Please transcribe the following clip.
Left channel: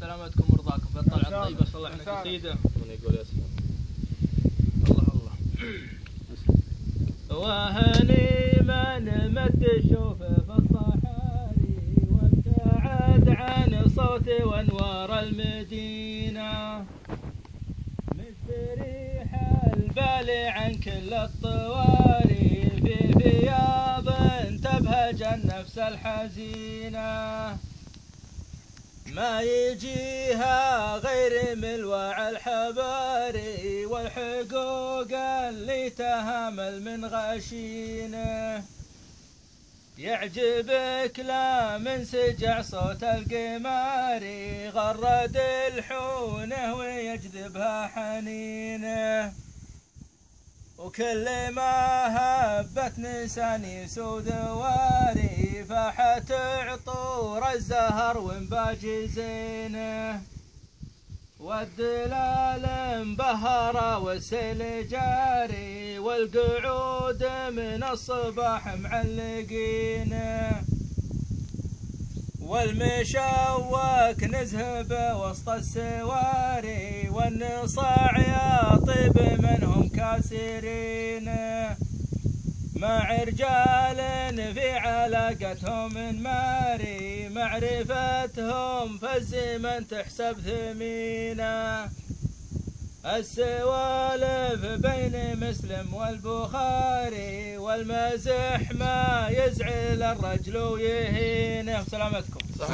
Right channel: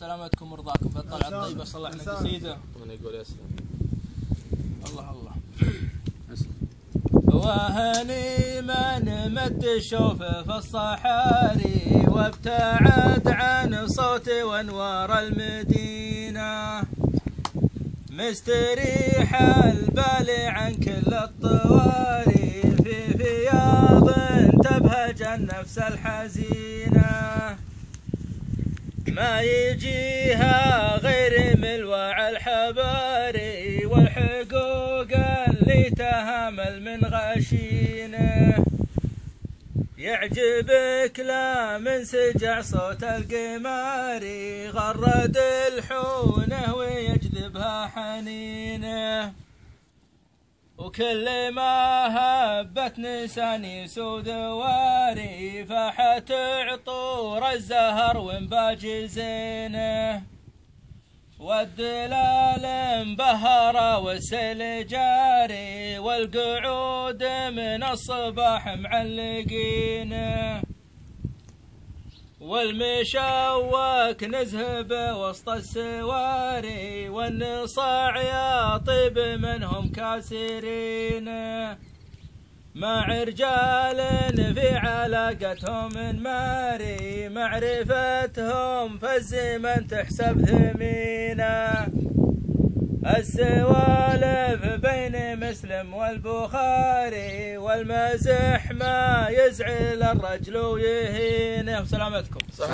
سلامتكم ورضاكم في الطلعة الطيبة. صلى على قصيدة من يقول يسلم. الله الله. وهني من مد الشوف في الصحاري وابتعد عن صوت وانوار المدينة، مستريح البال عن كل الطواري في فياض تبهج النفس الحزينة، ما يجيها غير ملوى الحباري والحقوق اللي تهامل من غشينه، يعجبك لا من سجع صوت القماري غرد الحونه ويجذبها حنينه، وكل ما هبت نساني سود واري فاحت عطور الزهر وانباج زينه، والدلال مبهرة والسيل جاري والقعود من الصباح معلقينه، والمشوك نزهب وسط السواري والنصاع يا طيب منهم كاسرين، مع رجال في علاقتهم ماري معرفتهم في الزمن تحسب ثمينة، السوالف بين مسلم والبخاري والمزح ما يزعل الرجل ويهينه. سلامتكم. صح